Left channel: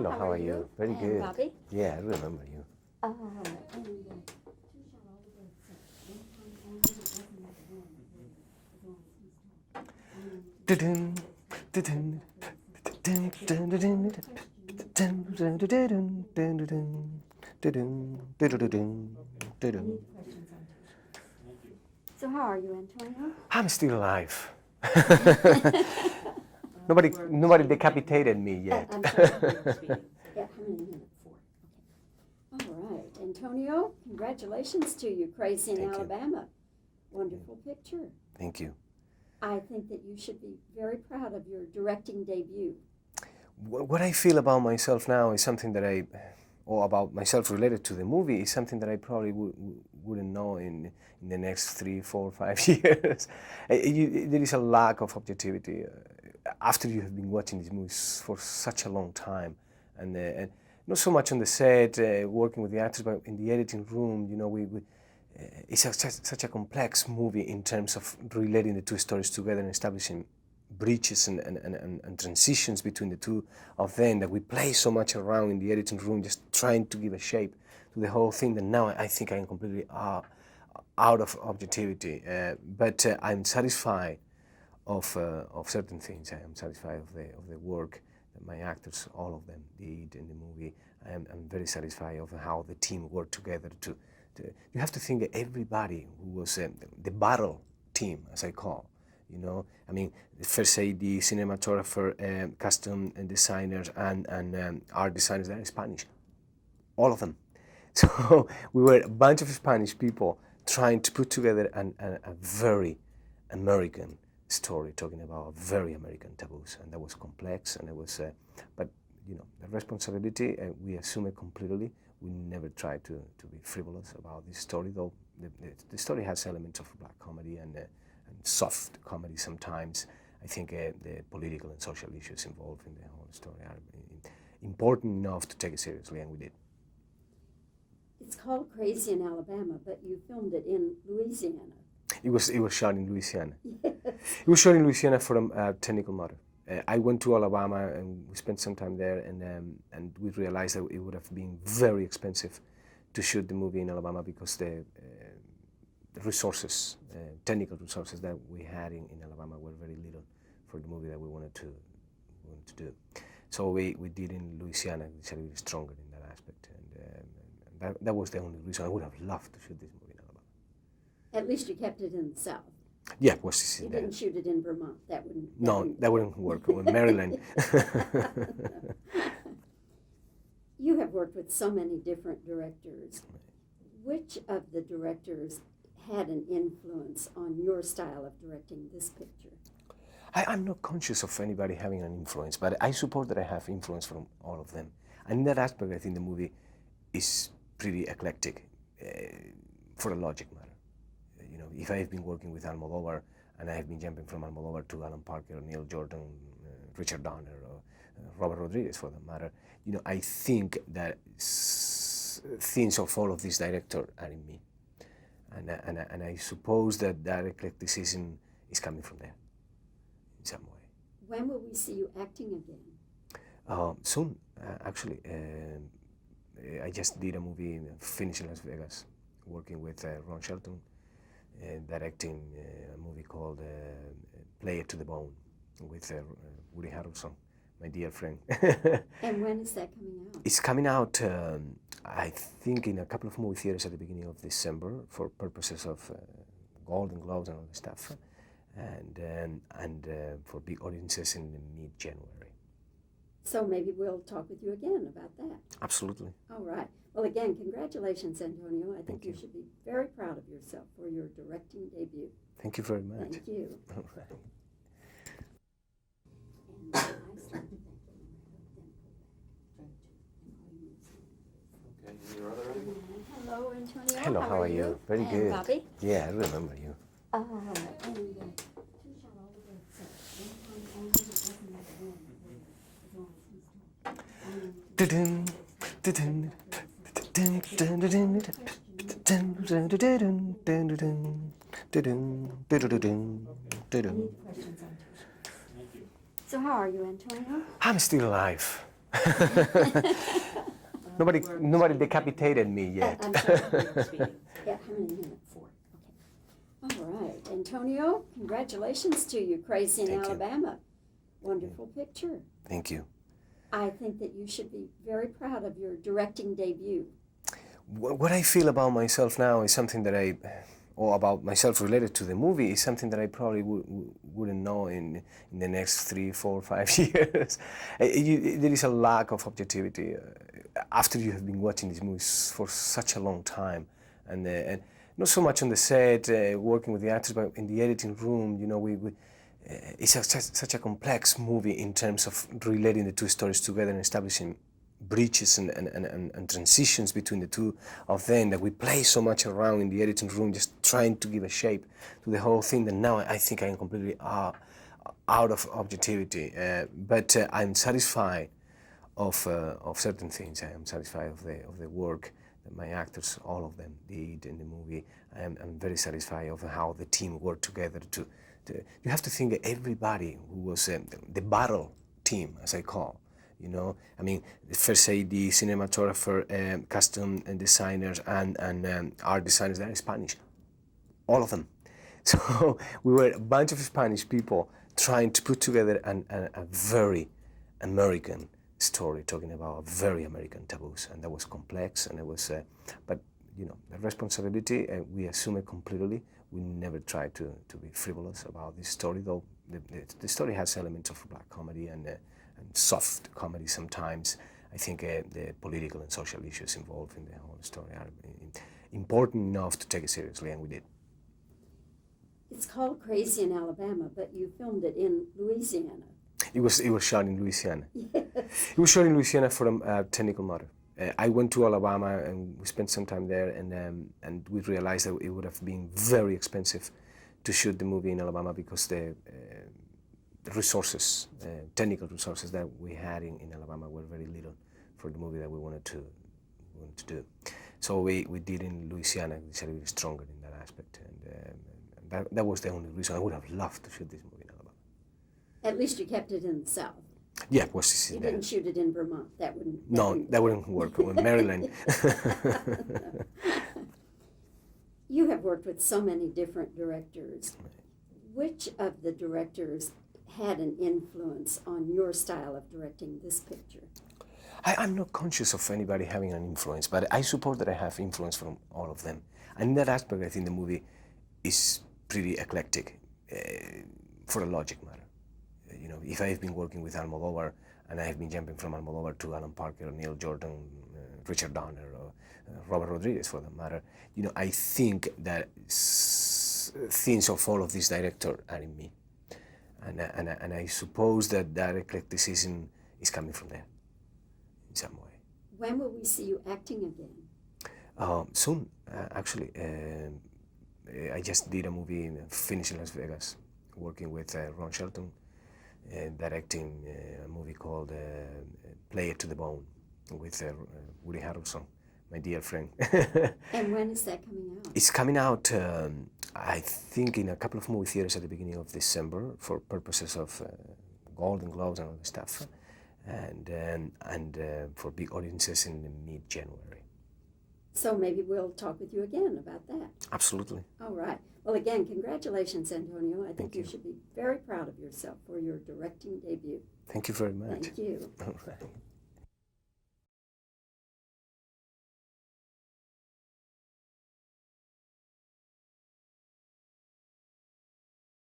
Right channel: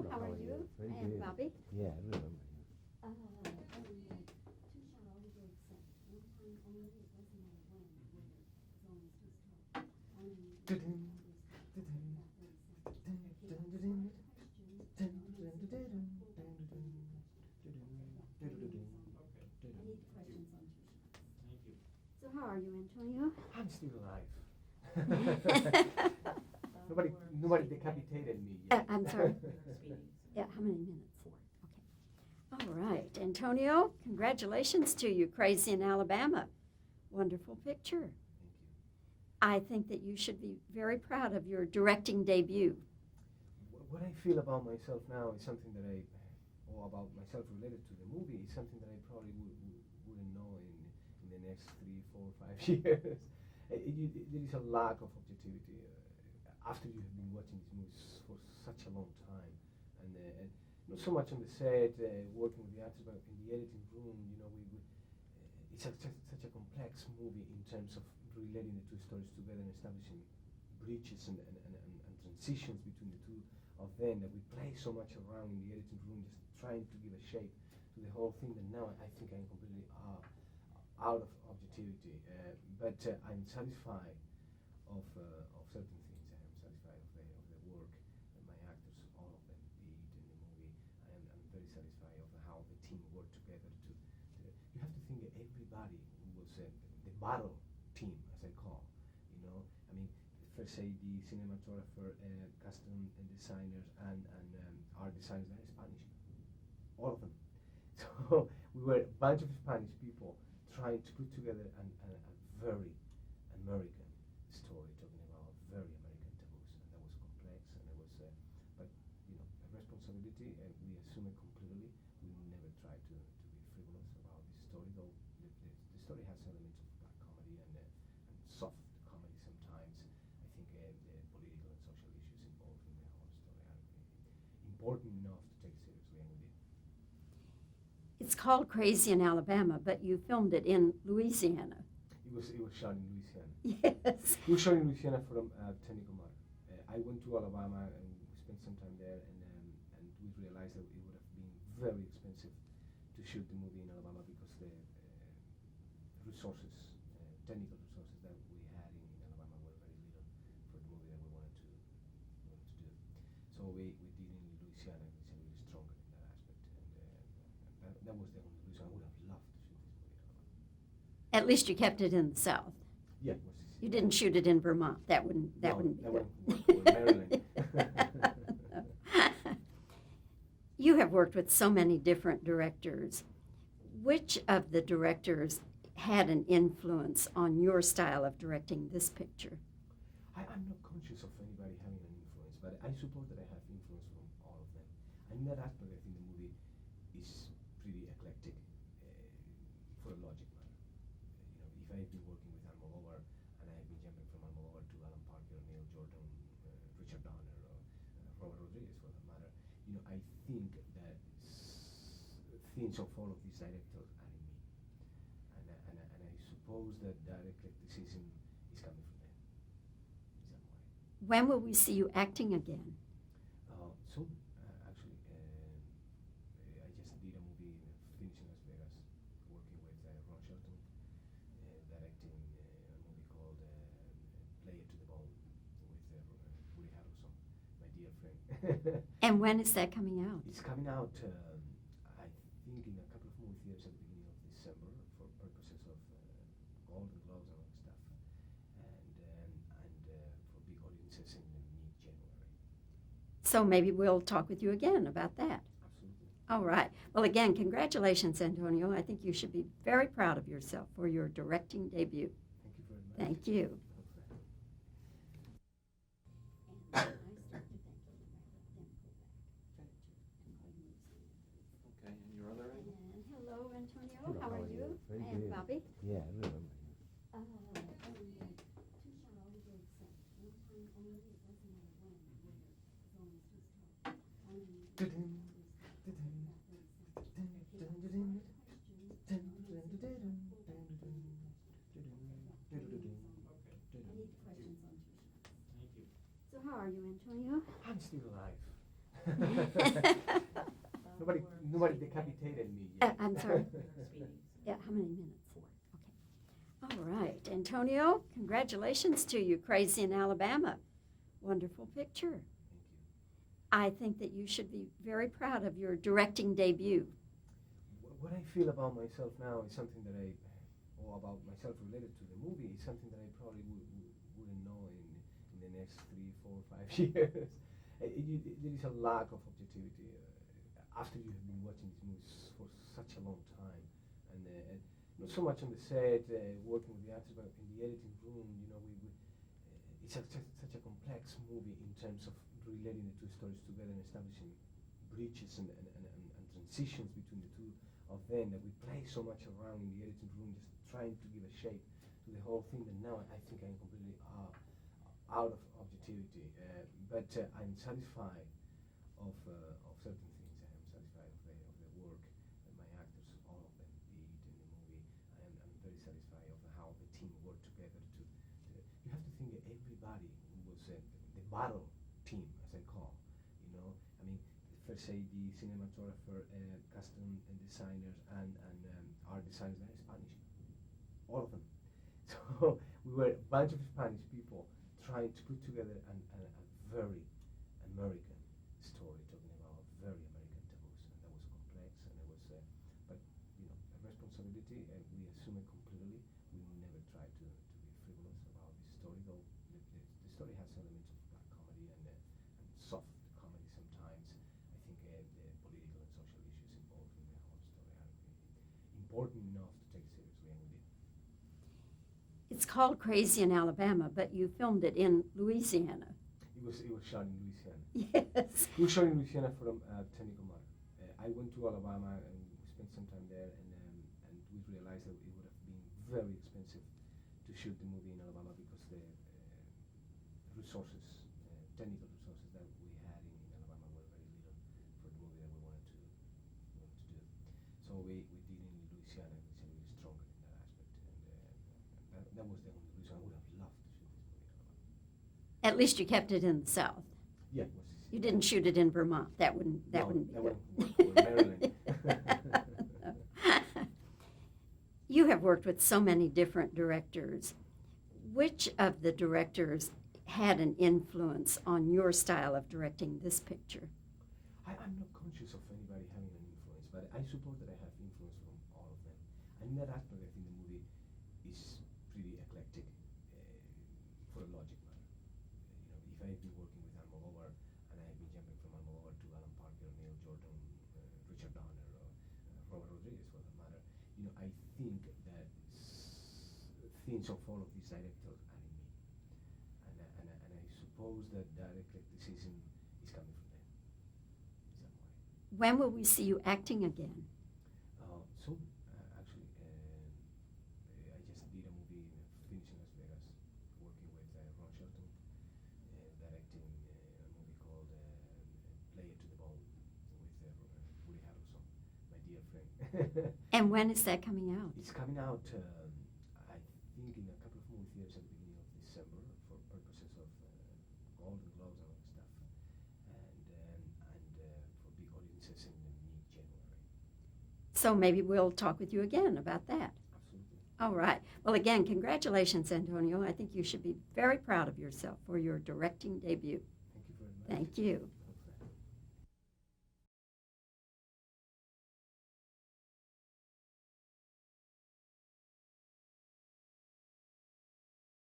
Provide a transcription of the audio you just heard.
Hello, how are you? Very good. Bobbie? Yeah, I remember you. Oh, Dun, dun, dun, dun, dun, dun, dun, dun, dun, dun, dun, dun, dun, dun, dun, dun. so how are you, Antonio? I'm still alive. Nobody decapitated me yet. I'm sorry. Yeah, how many minutes? 4. Okay. All right, Antonio, congratulations to you, Crazy in Thank you. Alabama. Wonderful picture. Thank you. I think that you should be very proud of your directing debut. What I feel about myself now is something that or about myself related to the movie, is something that I probably wouldn't know in the next 3, 4, 5 years. There is a lack of objectivity after you have been watching these movies for such a long time, and not so much on the set, working with the actors, but in the editing room. You know, it's such a complex movie in terms of relating the two stories together and establishing bridges and transitions between the two of them, that we play so much around in the editing room, just trying to give a shape to the whole thing, that now I think I am completely out of objectivity. But I'm satisfied of certain things. I am satisfied of the work that my actors, all of them, did in the movie. I'm very satisfied of how the team worked together to you have to think that everybody who was the battle team, as I call, you know, I mean, first AD, cinematographer, costume and designers, and art designers, they're Spanish, all of them. So we were a bunch of Spanish people trying to put together a very American story, talking about very American taboos, and that was complex, and it was, but you know, the responsibility, we assume it completely. We never try to be frivolous about this story, though the story has elements of black comedy and soft comedy sometimes. I think the political and social issues involved in the whole story are important enough to take it seriously, and we did. It's called Crazy in Alabama, but you filmed it in Louisiana. It was shot in Louisiana. Yes. It was shot in Louisiana for a technical matter. I went to Alabama and we spent some time there, and we realized that it would have been very expensive to shoot the movie in Alabama, because the resources, technical resources that we had in Alabama were very little for the movie that we wanted to do. So we did in Louisiana. We decided to be stronger in that aspect, and that was the only reason. I would have loved to shoot this movie in Alabama. At least you kept it in the South. Yeah, it was. You didn't shoot it in Vermont. That wouldn't work. Or Maryland. You have worked with so many different directors. Which of the directors had an influence on your style of directing this picture? I'm not conscious of anybody having an influence, but I suppose that I have influence from all of them. And in that aspect, I think the movie is pretty eclectic, for a logic matter. You know, if I have been working with Almodovar, and I have been jumping from Almodovar to Alan Parker, Neil Jordan, Richard Donner, or Robert Rodriguez, for that matter, you know, I think that things of all of these directors are in me, and I suppose that eclecticism is coming from there in some way. When will we see you acting again? Soon, actually. I just did a movie, finished in Las Vegas, working with Ron Shelton, directing a movie called Play It to the Bone with Woody Harrelson, my dear friend. And when is that coming out? It's coming out, I think, in a couple of movie theaters at the beginning of December for purposes of Golden Globes and all this stuff, and for big audiences in mid-January. So maybe we'll talk with you again about that. Absolutely. All right. Well, again, congratulations, Antonio. I think you should be very proud of yourself for your directing debut. Thank you very much. Thank you. All right. Hello, Antonio. Hello, how are you? Very good. Bobbie? Yeah, I remember you. Oh, Dun, dun, dun, dun, dun, dun, dun, dun, dun, dun, dun, dun, dun, dun, dun. so how are you, Antonio? I'm still alive. Nobody decapitated me yet. I'm sorry. Yeah, how many minutes? 4. Okay. All right. Antonio, congratulations to you, Crazy in Thank you. Alabama. Wonderful picture. Thank you. I think that you should be very proud of your directing debut. What I feel about myself now is something that or about myself related to the movie, is something that I probably wouldn't know in the next 3, 4, 5 years. There is a lack of objectivity after you have been watching these movies for such a long time, and not so much on the set, working with the actors, but in the editing room. You know, it's such a complex movie in terms of relating the two stories together and establishing bridges and transitions between the two of them, that we play so much around in the editing room, just trying to give a shape to the whole thing, that now I think I am completely out of objectivity. But I'm satisfied of certain things. I am satisfied of the work that my actors, all of them, did in the movie. I'm very satisfied of how the team worked together to you have to think that everybody who was the battle team, as I call, you know, I mean, the first AD, cinematographer, costume and designers, and art designers, they're Spanish, all of them. So we were a bunch of Spanish people trying to put together a very American story, talking about very American taboos, and that was complex, and it was, but you know, the responsibility, we assume it completely. We never try to be frivolous about this story, though the story has elements of black comedy and soft comedy sometimes. I think the political and social issues involved in the whole story are important enough to take it seriously, and we did. It's called Crazy in Alabama, but you filmed it in Louisiana. It was shot in Louisiana. Yes. It was shot in Louisiana for a technical matter. I went to Alabama and we spent some time there, and we realized that it would have been very expensive to shoot the movie in Alabama because the resources, technical resources that we had in Alabama were very little for the movie that we wanted to do. So we did in Louisiana. We decided to be stronger in that aspect, and that was the only reason. I would have loved to shoot this movie in Alabama. At least you kept it in the South. Yeah, it was. You didn't shoot it in Vermont. That wouldn't. That wouldn't work. In Maryland. You have worked with so many different directors. Which of the directors had an influence on your style of directing this picture? I'm not conscious of anybody having an influence, but I suppose that I have influence from all of them. And in that aspect, I think the movie is pretty eclectic, for a logic matter. You know, if I've been working with Almodovar, and I have been jumping from Almodovar to Alan Parker, Neil Jordan, Richard Donner, or Robert Rodriguez, for that matter, you know, I think that things of all of these directors are in me, and I suppose that eclecticism is coming from there, in some way. When will we see you acting again? Soon, actually. I just did a movie finished in Las Vegas, working with Ron Shelton, directing a movie called Play It to the Bone with Woody Harrelson, my dear friend. And when is that coming out? It's coming out, I think, in a couple of movie theaters at the beginning of December for purposes of Golden Globes and all the stuff, and for big audiences in mid-January. So maybe we'll talk with you again about that. Absolutely. All right. Well, again, congratulations, Antonio. I think you you. should be very proud of yourself for your directing debut. Thank you very much. Thank you. All right.